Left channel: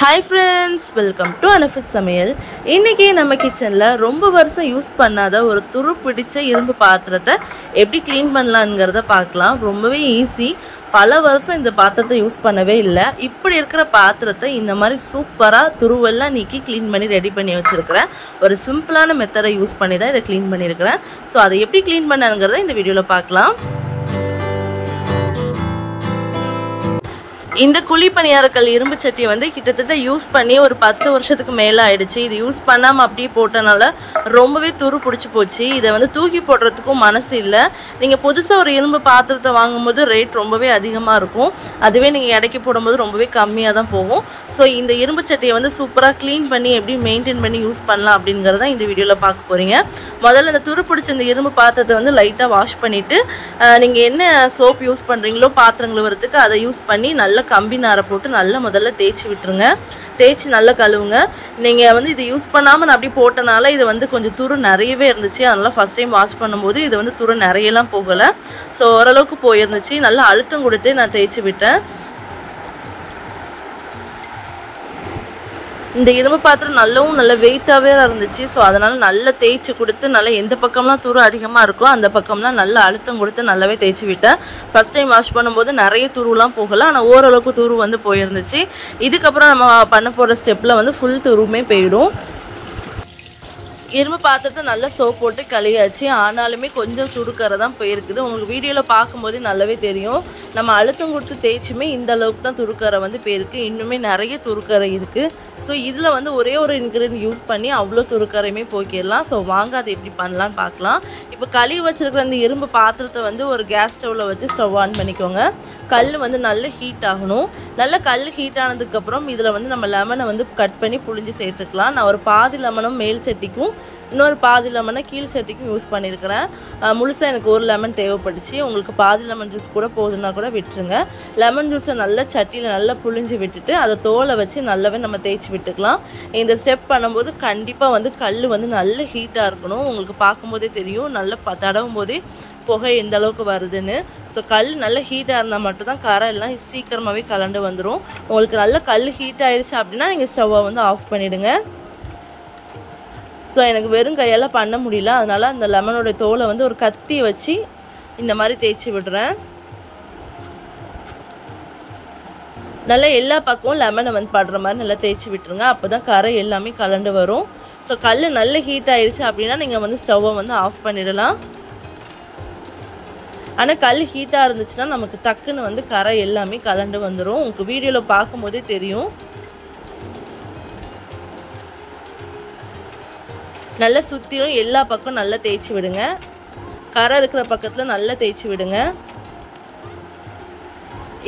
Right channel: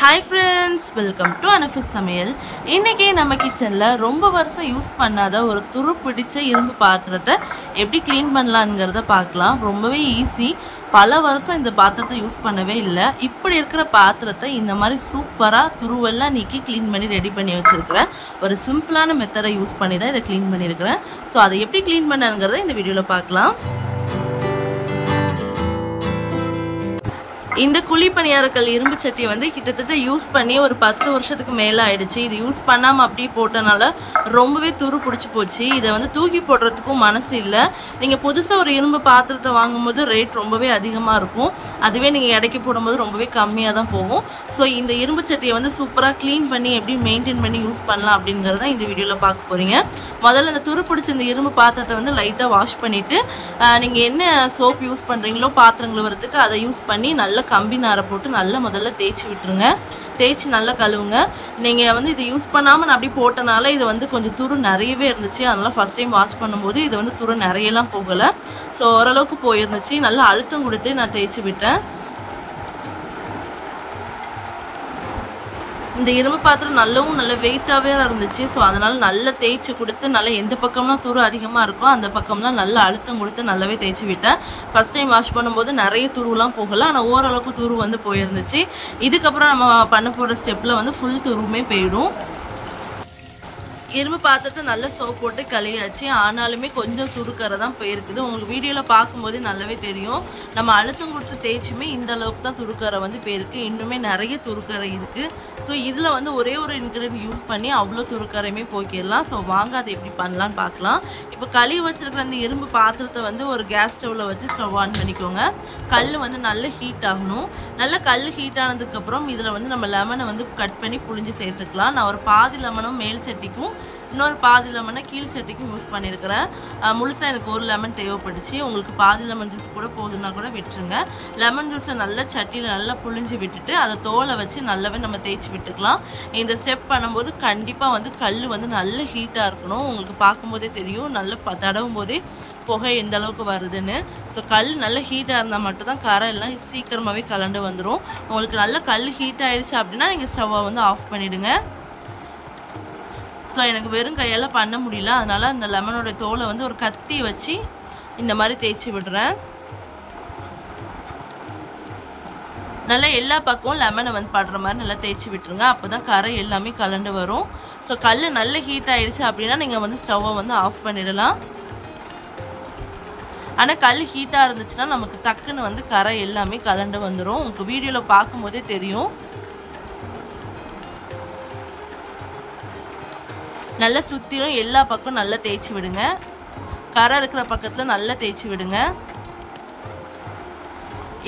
Hi friends, welcome to Anafis Samayal. இன்னைக்கு நம்ம கிச்சன்ல ரொம்ப வருஷம் யூஸ் பண்ணாத ஒரு துரு பிடிச்ச இரும்பு பாத்திரத்தை எப்படி க்ளீன் பண்ணலாம்ங்கறத பார்க்கலாம். ரொம்பவே ஈஸி. பல வருஷம் இந்த பாத்திரத்தை யூஸ் பண்ணவே இல்ல. இப்படி இருக்கிற பாத்திரத்தை இந்த மாதிரி சூப்பரா துருவெல்லாம் நீக்கி க்ளீன் பண்ணி ரெடி பண்ணி வச்சிருக்கேன். ஒரு சிம்பிளான மெத்தடை யூஸ் பண்ணி தான் இத க்ளீன் பண்ணிருக்கேன். சோ அதை எப்படி க்ளீன் பண்ணனும்ங்கறத இந்த வீடியோல பார்க்கலாம். இந்த குழி பணியாரக்கல் இரும்பு சட்டியை வந்து கிட்டத்தட்ட யூஸ் பண்ணி ஒரு 10 வருஷத்துக்கு மேல ஆயிடுச்சு. இது யூஸ் பண்ணாம அப்படியே போட்டனால ரொம்பவே துரு பிடிச்சு போச்சு. இதை வந்து தூக்கி போடுறதுக்கும் மனசு இல்ல. நீங்க புதுசா ஒரு இரும்பு பாத்திரத்தை வாங்கும்போது ரேட் ரொம்பவே அதிகமா இருக்கும். அதுவே நீங்க எடைக்கு போடும்போது ரொம்பவே கம்மியா தான் போகும். சோ இந்த இரும்பு சட்டியை வந்து சூப்பரா க்ளீன் பண்ணி எப்படி மெயின்டைன் பண்ணி யூஸ் பண்ணலாம் அப்படிங்கறத இந்த வீடியோல பார்க்க போறீங்க. முதல்ல இந்த துரு பிடிச்ச இந்த இரும்பு பாத்திரத்தை வந்து லைட்டா வாஷ் பண்ணிட்டு நீங்க என்ன சோப் யூஸ் பண்றீங்களோ பாத்திரங்கள் வரதுக்கு அதை யூஸ் பண்ணி நல்லா கம்பி நாரை போட்டு நல்லா முதல்ல தேய்ச்சி விட்டுருங்க. தேய்ச்சி நல்லா கழுவுங்க. நீங்க வந்து இது யூஸ் பண்ணாம நான் அப்படி போட்டனால இது வந்து கொஞ்சம் துரு நிறையவே இருந்துச்சு. அதனால ஃபர்ஸ்ட் டைம் வாஷ் பண்ணும்போது இது வந்து துரு நிறையலாம் போகல. ஸோ ஓரளவுக்கு போயிருந்துச்சு. நல்லா அழுத்தம் கொடுத்து நான் தேய்ச்சி விட்டேன். இந்த இரும்பு பாத்திரம் நல்ல வெயிட்டாவே இருந்துச்சு. ஸோ அதனால நல்லா தேய்ச்சி கொடுத்து நல்லா எந்த பக்கம்லாம் துரு அதிகமா இருக்கோ அந்த பக்கம்லாம் நல்லா அழுத்தம் கொடுத்து நல்லாவே தேய்ச்சி விட்டேன். ஃபர்ஸ்ட் டைம் வாஷ் பண்ணும்போது நிறைய துருலாம் போகல. ஆனால் ஓரளவுக்கு துரு வந்து போயிருந்துச்சு. இதுக்கப்புறம் நம்ம பண்ண போற ஸ்டெப்ல வந்து ஃபுல் துருமே போயிடும். இரும்பு பாத்திரத்தை நல்லா சோப் போட்டு கழுவியாச்சு. ஆனாலுமே கொஞ்சம் துருக்கரை தான் போயிருக்குது. உங்களுக்கு வீடியோல பார்க்கும்போது நல்லாவே தெரியும். நம்ம அழுத்தம் கொடுத்து தேய்ச்சுமே இந்த அளவுக்கு தான் துருக்கரை வந்து போயிருக்கு. இன்னுமே நிறைய துருக்கரை இருக்கு. ஸோ இதுல வந்து ஒரே ஒரு இன்கிரீடியன்ட் யூஸ் பண்ணி அவ்வளோ துருக்கரையுமே போக்கிடலாம். ஸோ வாங்க அதை எப்படி பண்ணலான்னு பார்க்கலாம். இப்போ கழுவி வச்சிருக்கிற அந்த இரும்பு பாத்திரத்தை வந்து ஒரு கேஸ் ஸ்டவ்ல வச்சு ஸ்டவ் ஆன் பண்ணிக்கோங்க. கல் வந்து நல்ல ஹீட் ஆகணும். நல்ல கல் ஹீட் ஆனதுக்கு அப்புறம் இதுல வந்து நம்ம லெமனை வந்து கட் பண்ணி புழிஞ்சு சேர்த்துக்கலாம். நான் ஒரு பாதி லெமனும் மேல் சட்டிக்கும் இன்னொரு பாதி லெமனை கீழ் சட்டிக்கும் யூஸ் பண்ணியிருக்கிறேன். முழுசாக எனக்கு ஒரு லெமன் தேவைப்பட்டுச்சு. உங்களுக்கு பாதி லெமன் ஜூஸ் கூட போதுன்னா கூட விட்டுருங்க. லெமன் ஜூஸை நல்லா சட்டியில் நல்லா புழிஞ்சு விட்டுட்டு அதை தோலை வச்சு நல்லாவே நம்ம தேய்ச்சி விட்டுக்கலாம். இந்த ஸ்டெப் பண்ணும்போது கண்டிப்பாக வந்து கல் வந்து நல்ல ஹீட்டாக இருக்கணும். உங்களுக்கு பார்க்கும்போதே தெரியும். நல்லா தடவும் போதே புகை எந்த அளவுக்கு வருதுன்னு. ஸோ கல் நல்ல ஹீட்டாக இருந்தால் மட்டும்தான் கரை எல்லாம் சீக்கிரமாகவே கலண்டு வந்துடும். உங்களுக்கு நல்ல கல் ஹீட் ஆயிடுச்சு அப்படின்னா நீங்கள் ஸ்டவ்வை வந்து ஆஃப் பண்ணிடுங்க. ஸோ எனக்கு வெறும் கையால் பண்ண முடியல. அதனால அந்த லெமனோட தோலை வந்து ஒரு கத்தியை வச்சு இந்த மாதிரி தேய்ச்சி விடுறேன். நல்லா எல்லா பக்கமும் லெமனை வந்து படுற மாதிரி நல்லா தேய்ச்சி விட்டுருங்க. அப்போதான் கரை எல்லாமே கலண்டு வரும். ஸோ கல் நல்ல ஹீட் ஆயிடுச்சு அப்படின்னா நீங்கள் வந்து ஸ்டவ்வை வந்து ஆஃப் பண்ணிடலாம். ஆனால் கல் ஹீட்டாக இருந்துச்சுன்னா நமக்கு டக்குன்னு வந்து கரை எல்லாமே கலண்டு வந்துடும். உங்களுக்கு வீடியோவில் பார்க்கும்போதே தெரியும். நல்லா சுற்றிலும் எல்லா பக்கம் நல்லா தேய்ச்சி விடுங்க. கரை இருக்கிற பக்கத்தில் நல்லா தேய்ச்சி விடுங்க.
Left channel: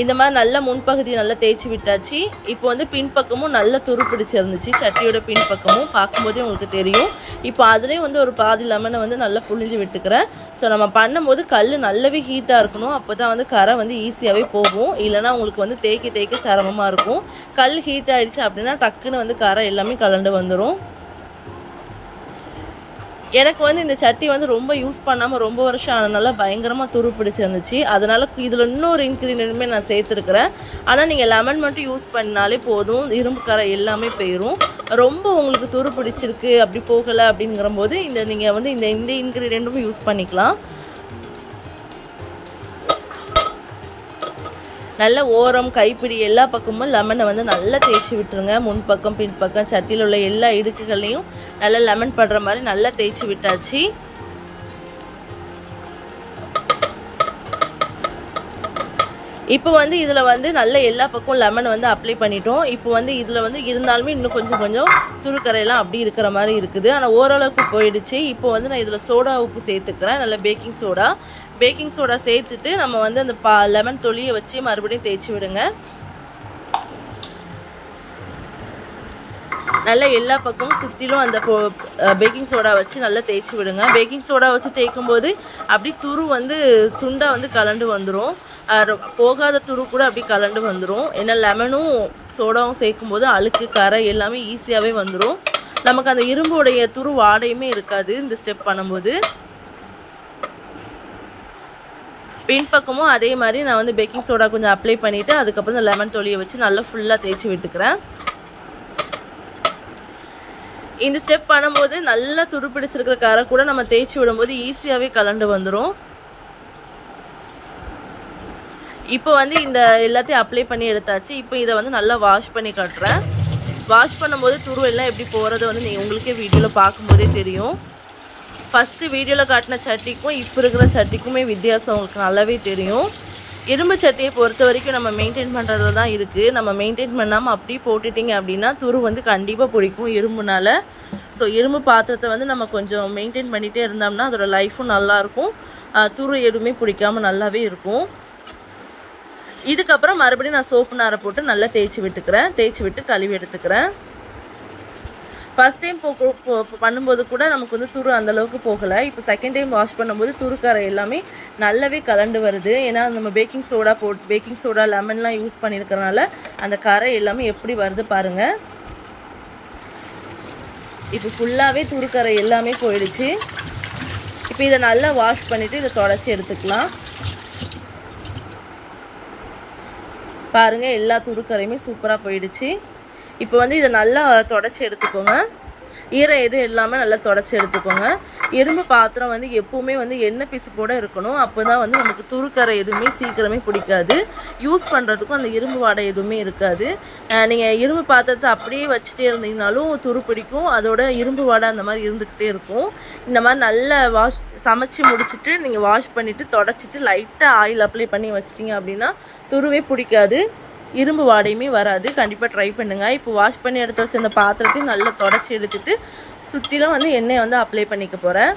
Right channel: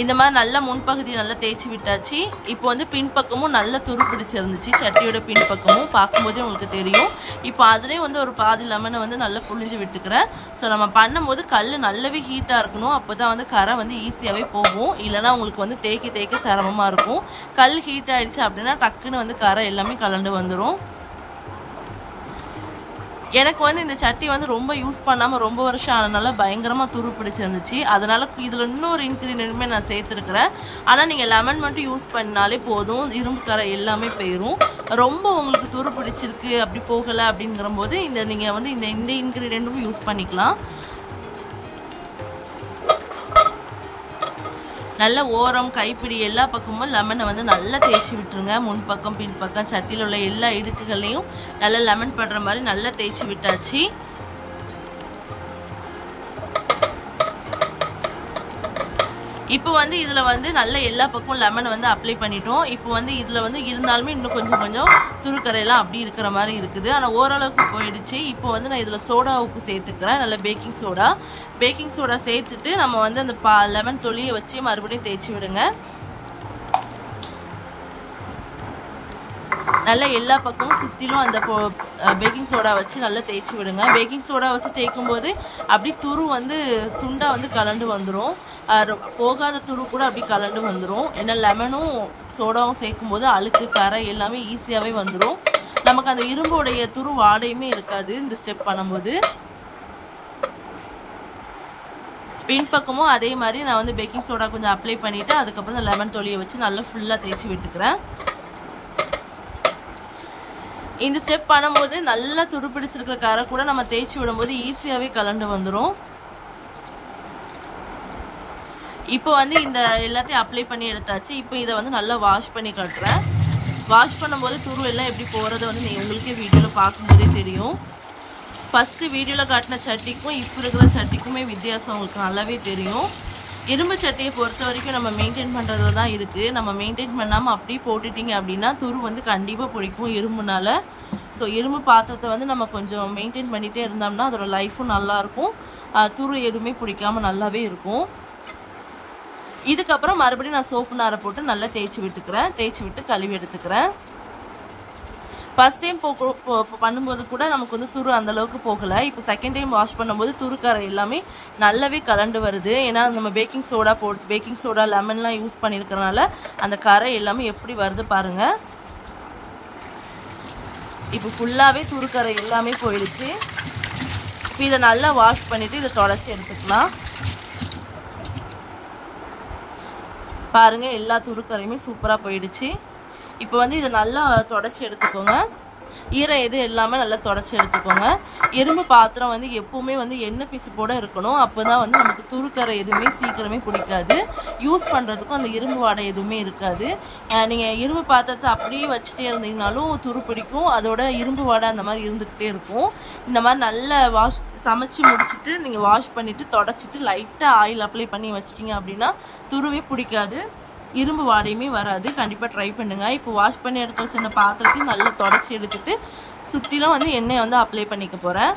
இந்த மாதிரி நல்லா முன்பகுதி நல்லா தேய்ச்சி விட்டாச்சு. இப்போ வந்து பின்பக்கமும் நல்லா துரு பிடிச்சிருந்துச்சு. சட்டியோட பின்பக்கமும் பார்க்கும்போதே உங்களுக்கு தெரியும். இப்போ அதுலேயும் வந்து ஒரு பாதி லெமனை வந்து நல்லா புழிஞ்சு விட்டுக்கிறேன். ஸோ நம்ம பண்ணும்போது கல் நல்லாவே ஹீட்டாக இருக்கணும். அப்போ தான் வந்து கரை வந்து ஈஸியாகவே போகும். இல்லைனா உங்களுக்கு வந்து தேய்க்க சிரமமாக இருக்கும். கல் ஹீட் ஆகிடுச்சு அப்படின்னா டக்குன்னு வந்து கரை எல்லாமே கலண்டு வந்துடும். எனக்கு வந்து இந்த சட்டி வந்து ரொம்ப யூஸ் பண்ணாமல் ரொம்ப வருஷம் ஆனதுனால பயங்கரமாக துரு பிடிச்சிருந்துச்சு. அதனால இதில் இன்னொரு இன்க்ரீடியன்ட்டுமே நான் சேர்த்துருக்கிறேன். ஆனால் நீங்கள் லெமன் மட்டும் யூஸ் பண்ணாலே போதும். இரும்பு கரை எல்லாமே போயிடும். ரொம்ப உங்களுக்கு துரு பிடிச்சிருக்கு அப்படி போகலை அப்படிங்கிற போது நீங்கள் வந்து இந்த இன்க்ரீடியன்ட்டும் யூஸ் பண்ணிக்கலாம். நல்ல ஓரம் கைப்பிடி எல்லா பக்கமும் லெமனை வந்து நல்லா தேய்ச்சி விட்டுருங்க. முன்பக்கம் பின்பக்கம் சட்டியில் உள்ள எல்லா இடுக்குகளையும் நல்லா லெமன் படுற மாதிரி நல்லா தேய்ச்சி விட்டாச்சு. இப்போ வந்து இதில் வந்து நல்ல எல்லா பக்கம் லெமனை வந்து அப்ளை பண்ணிட்டோம். இப்போ வந்து இதில் வந்து இருந்தாலுமே இன்னும் கொஞ்சம் துருக்கரையெல்லாம் அப்படி இருக்கிற மாதிரி இருக்குது. ஆனால் ஓரளவுக்கு போயிடுச்சு. இப்போ வந்து நான் இதில் சோடா உப்பு சேர்த்துக்கிறேன். நல்ல பேக்கிங் சோடா சேர்த்துட்டு நம்ம வந்து அந்த லெமன் தொலியை வச்சு மறுபடியும் தேய்ச்சி விடுங்க. நல்லா எல்லா பக்கமும் சுற்றிலும் அந்த பேக்கிங் சோடா வச்சு நல்லா தேய்ச்சி விடுங்க. பேக்கிங் சோடா வச்சு தேய்க்கும் போது அப்படி துரு வந்து துண்டாக வந்து கலண்டு வந்துடும். போகாத துரு கூட அப்படி கலண்டு வந்துடும். ஏன்னா லெமனும் சோடாவும் சேர்க்கும் போது அழுக்கு கரை எல்லாமே ஈஸியாகவே வந்துடும். நமக்கு அந்த இரும்புடைய துரு வாடையுமே இருக்காது இந்த ஸ்டெப் பண்ணும்போது. பின்பக்கமும் அதே மாதிரி நான் வந்து பேக்கிங் சோடா கொஞ்சம் அப்ளை பண்ணிவிட்டு அதுக்கப்புறம் லெமன் தொலியை வச்சு நல்லா ஃபுல்லாக தேய்ச்சி விட்டுக்கிறேன். இந்த ஸ்டெப் பண்ணும்போது நல்லா துருப்பிடிச்சிருக்கிற கரை கூட நம்ம தேய்ச்சி விடும்போது ஈஸியாகவே கலண்டு வந்துடும். இப்போ வந்து இந்த எல்லாத்தையும் அப்ளை பண்ணி எடுத்தாச்சு. இப்போ இதை வந்து நல்லா வாஷ் பண்ணி காட்டுறேன். வாஷ் பண்ணும்போது துரு எல்லாம் எப்படி போகிறது வந்து நீங்கள் உங்களுக்கே வீடியோவில் பார்க்கும்போதே தெரியும். ஃபஸ்ட்டு வீடியோவில் காட்டின சட்டிக்கும் இப்போ இருக்கிற சட்டிக்குமே வித்தியாசம் உங்களுக்கு நல்லாவே தெரியும். இரும்பு சட்டியை பொறுத்த வரைக்கும் நம்ம மெயின்டைன் பண்ணுறதுல தான் இருக்குது. நம்ம மெயின்டைன் பண்ணாமல் அப்படியே போட்டுட்டிங்க அப்படின்னா துரு வந்து கண்டிப்பாக பிடிக்கும் இரும்புனால. ஸோ இரும்பு பாத்திரத்தை வந்து நம்ம கொஞ்சம் மெயின்டைன் பண்ணிகிட்டே இருந்தோம்னா அதோட லைஃபும் நல்லாயிருக்கும், துரு எதுவுமே பிடிக்காமல் நல்லாவே இருக்கும். இதுக்கப்புறம் மறுபடியும் நான் சோப்பு நாரை போட்டு நல்லா தேய்ச்சி விட்டு கழுவி எடுத்துக்கிறேன். ஃபர்ஸ்ட் டைம் பண்ணும்போது கூட நமக்கு வந்து துரு அந்தளவுக்கு போகலை. இப்போ செகண்ட் டைம் வாஷ் பண்ணும்போது துருக்கரை எல்லாமே நல்லாவே கலண்டு வருது. ஏன்னா நம்ம பேக்கிங் சோடா லெமன்லாம் யூஸ் பண்ணியிருக்கிறனால அந்த கரை எல்லாமே எப்படி வருது பாருங்கள். இப்போ ஃபுல்லாகவே துருக்கரை எல்லாமே போயிடுச்சு. இப்போ இதை நல்லா வாஷ் பண்ணிவிட்டு இதை தொடச்சி எடுத்துக்கலாம். பாருங்கள் எல்லா துருக்கரையுமே சூப்பராக போயிடுச்சு. இப்போ வந்து இதை நல்லா தொடச்சி எடுத்துக்கோங்க. ஈரம் எது எல்லாமே நல்லா தொடச்சி எடுத்துக்கோங்க. இரும்பு பாத்திரம் வந்து எப்பவுமே வந்து எண்ணெய் பிசுப்போட இருக்கணும். அப்போ தான் வந்து நமக்கு துருக்கரை எதுவுமே சீக்கிரமே பிடிக்காது. யூஸ் பண்ணுறதுக்கும் அந்த இரும்பு வாடை எதுவுமே இருக்காது. நீங்கள் இரும்பு பாத்திரத்தை அப்படியே வச்சுட்டே இருந்தீங்கனாலும் துரு பிடிக்கும், அதோட இரும்பு வாடை அந்த மாதிரி இருந்துக்கிட்டே இருக்கும். இந்த மாதிரி நல்லா சமைச்சு முடிச்சுட்டு நீங்கள் வாஷ் பண்ணிவிட்டு தொடச்சிட்டு லைட்டாக ஆயில் அப்ளை பண்ணி வச்சிட்டிங்க அப்படின்னா துருவே பிடிக்காது, இரும்பு வாடையுமே வராது. கண்டிப்பாக ட்ரை பண்ணுங்கள். இப்போ வாஷ் பண்ணி எடுத்து வச்சு அந்த பாத்திரத்தையும் நல்லா தொடச்சி எடுத்துட்டு சுற்றிலும் வந்து எண்ணெயை வந்து அப்ளை பண்ணிக்க போகிறேன்.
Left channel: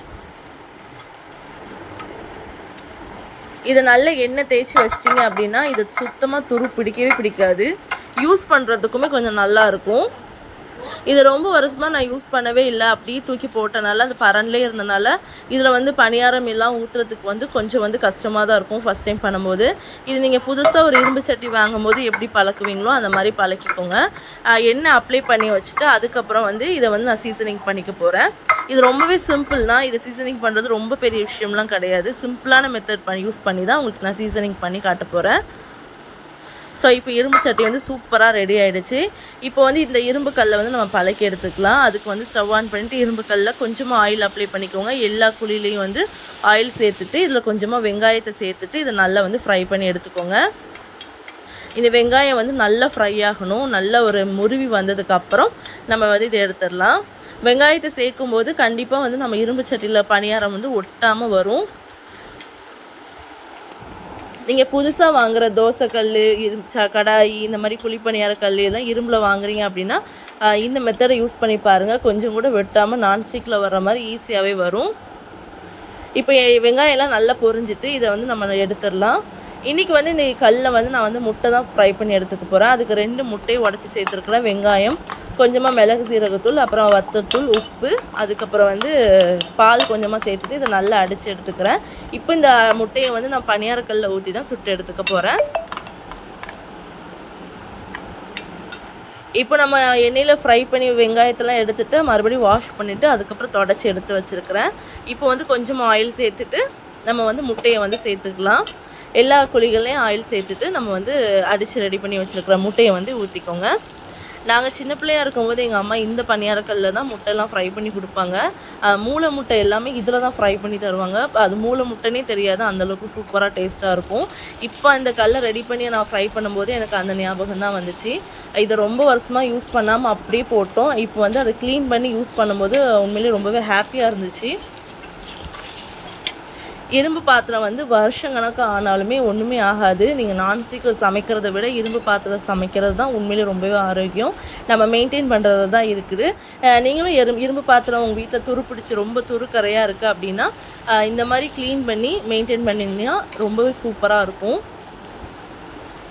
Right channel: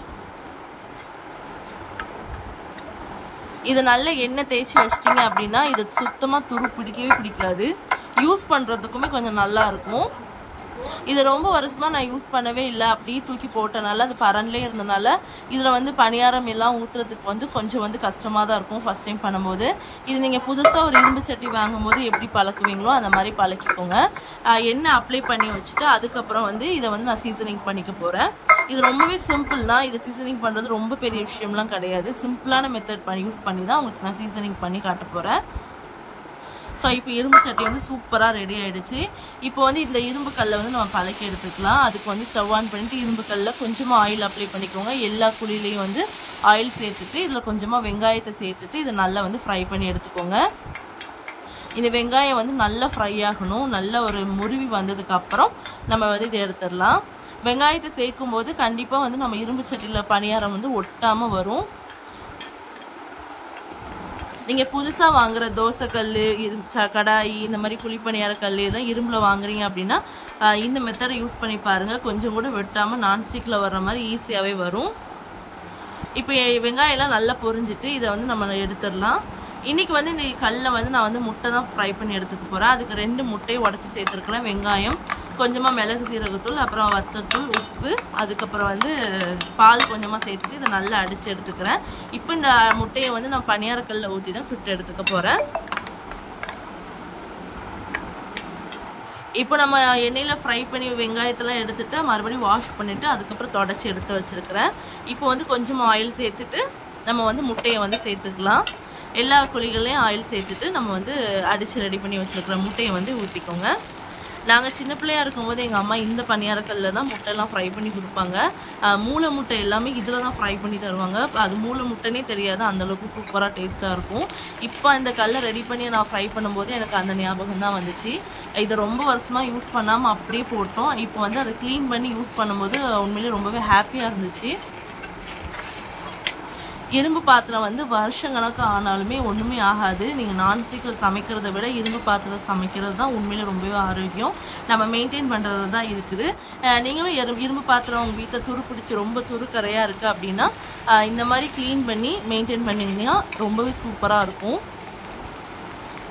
இதை நல்ல எண்ணெய் தேய்ச்சி வச்சிட்டிங்க அப்படின்னா இது சுத்தமாக துரு பிடிக்கவே பிடிக்காது. யூஸ் பண்ணுறதுக்குமே கொஞ்சம் நல்லா இருக்கும். இது ரொம்ப வருஷமாக நான் யூஸ் பண்ணவே இல்லை, அப்படியே தூக்கி போட்டனால அது பரன்லேயே இருந்தனால இதில் வந்து பணியாரம் எல்லாம் ஊற்றுறதுக்கு வந்து கொஞ்சம் வந்து கஷ்டமாக தான் இருக்கும் ஃபஸ்ட் டைம் பண்ணும்போது. இது நீங்கள் புதுசாக ஒரு இரும்பு சட்டி வாங்கும் போது எப்படி பழக்குவீங்களோ அந்த மாதிரி பழக்கிக்கோங்க. எண்ணெய் அப்ளை பண்ணி வச்சுட்டு அதுக்கப்புறம் வந்து இதை வந்து நான் சீசனிங் பண்ணிக்க போகிறேன். இது ரொம்பவே சிம்பிள் தான். இதை சீசனிங் பண்ணுறது ரொம்ப பெரிய விஷயம்லாம் கிடையாது. சிம்பிளான மெத்தட் யூஸ் பண்ணி தான் உங்களுக்கு நான் சீசனிங் பண்ணி காட்ட போகிறேன். ஸோ இப்போ இரும்பு சட்டி வந்து சூப்பராக ரெடி ஆகிடுச்சு. இப்போ வந்து இந்த இரும்பு கல்லை வந்து நம்ம பழக்கி எடுத்துக்கலாம். அதுக்கு வந்து ஸ்டவ் ஆன் பண்ணிட்டு இரும்பு கல்லில் கொஞ்சமாக ஆயில் அப்ளை பண்ணிக்கோங்க. எல்லா குழிலையும் வந்து ஆயில் சேர்த்துட்டு இதில் கொஞ்சமாக வெங்காயத்தை சேர்த்துட்டு இதை நல்லா வந்து ஃப்ரை பண்ணி எடுத்துக்கோங்க. இந்த வெங்காயம் வந்து நல்லா ஃப்ரை ஆகணும். நல்லா ஒரு முருவி வந்ததுக்கப்புறம் நம்ம வந்து இதை எடுத்துடலாம். வெங்காயத்தை சேர்க்கும் போது கண்டிப்பாக வந்து நம்ம இரும்பு சட்டியில் பணியாரம் வந்து ஒட்டாமல் வரும். நீங்கள் புதுசாக வாங்குகிற தோசைக்கல், கடாய், இந்த மாதிரி குழிப்பணியார கல் எல்லாம் இரும்பில் வாங்குறீங்க அப்படின்னா இந்த மெத்தடை யூஸ் பண்ணி பாருங்கள். கொஞ்சம் கூட வெட்டாமல் நான்ஸ்டிக்கில் வர்ற மாதிரி ஈஸியாகவே வரும். இப்போ வெங்காயம்லாம் நல்லா பொரிஞ்சிட்டு இதை வந்து நம்ம எடுத்துடலாம். இன்றைக்கி வந்து இந்த கல்லில் வந்து நான் வந்து முட்டை தான் ஃப்ரை பண்ணி எடுத்துக்க போகிறேன். அதுக்கு 2 முட்டையை உடச்சி சேர்த்துருக்குறேன். வெங்காயம், கொஞ்சமாக மிளகு சீரகத்தூள், அப்புறம் வத்தத்தூள், உப்பு, அதுக்கப்புறம் வந்து பால் கொஞ்சமாக சேர்த்துட்டு இதை நல்லா அடித்து எடுத்துக்கிறேன். இப்போ இந்த முட்டையை வந்து நான் பணியாரக்கல்லில் ஊற்றி தான் சுட்டு எடுத்துக்க போகிறேன். இப்போ நம்ம எண்ணெயில் ஃப்ரை பண்ணி வெங்காயத்தெல்லாம் எடுத்துகிட்டு மறுபடியும் வாஷ் பண்ணிவிட்டு அதுக்கப்புறம் தொடச்சி எடுத்து வச்சுருக்கிறேன். இப்போ வந்து கொஞ்சமாக ஆயில் சேர்த்துட்டு நம்ம வந்து முட்டையை வந்து சேர்த்துக்கலாம். எல்லா குழிகளையும் ஆயில் சேர்த்துட்டு நம்ம வந்து அடித்து ரெடி பண்ணி வச்சுருக்கிற முட்டையை வந்து ஊற்றிக்கோங்க. நாங்கள் சின்ன பிள்ளையாக இருக்கும்போது எங்கள் அம்மா இந்த பணியாரக்கல்லில் தான் முட்டையெல்லாம் ஃப்ரை பண்ணி கொடுப்பாங்க. மூளை முட்டை எல்லாமே இதில் தான் ஃப்ரை பண்ணி தருவாங்க. அது மூளை முட்டைனே தெரியாது, அந்தளவுக்கு சூப்பராக டேஸ்ட்டாக இருக்கும். இப்போ இந்த கல்லை ரெடி பண்ணி நான் ஃப்ரை பண்ணும்போது எனக்கு அந்த ஞாபகம் தான் வந்துச்சு. இதை ரொம்ப வருஷமாக யூஸ் பண்ணாமல் அப்படியே போட்டோம். இப்போ வந்து அதை க்ளீன் பண்ணி யூஸ் பண்ணும்போது உண்மையிலேயே ரொம்பவே ஹாப்பியாக இருந்துச்சு. இரும்பு பாத்திரம் வந்து வருஷக்கணக்கு ஆனாலுமே ஒன்றுமே ஆகாது. நீங்கள் நான்ஸ்டிக்கில் சமைக்கிறத விட இரும்பு பாத்திரம் சமைக்கிறது தான் உண்மையிலே ரொம்பவே ஆரோக்கியம். நம்ம மெயின்டைன் பண்ணுறது தான் இருக்குது. நீங்களும் இரும்பு பாத்திரம் உங்கள் வீட்டில் துரு பிடிச்சி ரொம்ப துருக்கரையாக இருக்குது அப்படின்னா இந்த மாதிரி க்ளீன் பண்ணி மெயின்டைன் பண்ணிங்கன்னா ரொம்பவே சூப்பராக இருக்கும்.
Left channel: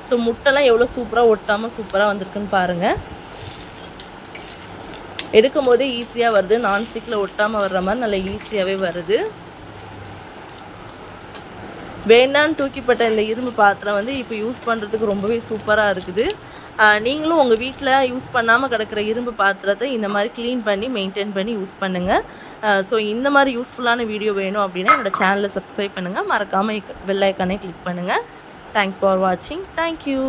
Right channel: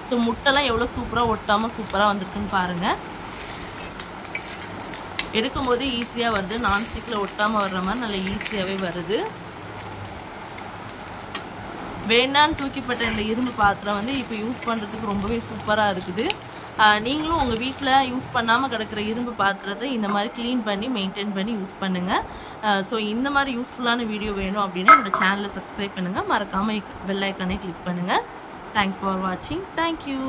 ஸோ முட்டைலாம் எவ்வளோ சூப்பராக ஒட்டாமல் சூப்பராக வந்திருக்குன்னு பாருங்கள். எடுக்கும் போதே ஈஸியாக வருது. நான்ஸ்டிக்கில் ஒட்டாமல் வர்ற மாதிரி நல்லா ஈஸியாகவே வருது. வேண்டான்னு தூக்கிப்பட்ட இந்த இரும்பு பாத்திரம் வந்து இப்போ யூஸ் பண்ணுறதுக்கு ரொம்பவே சூப்பராக இருக்குது. நீங்களும் உங்கள் வீட்டில் யூஸ் பண்ணாமல் கிடக்கிற இரும்பு பாத்திரத்தை இந்த மாதிரி க்ளீன் பண்ணி மெயின்டைன் பண்ணி யூஸ் பண்ணுங்கள். ஸோ இந்த மாதிரி யூஸ்ஃபுல்லான வீடியோ வேணும் அப்படின்னா என்னோடய சேனலை சப்ஸ்கிரைப் பண்ணுங்கள். மறக்காமல் பெல் ஐக்கானே கிளிக் பண்ணுங்கள். தேங்க்ஸ் ஃபார் வாட்சிங். தேங்க்யூ.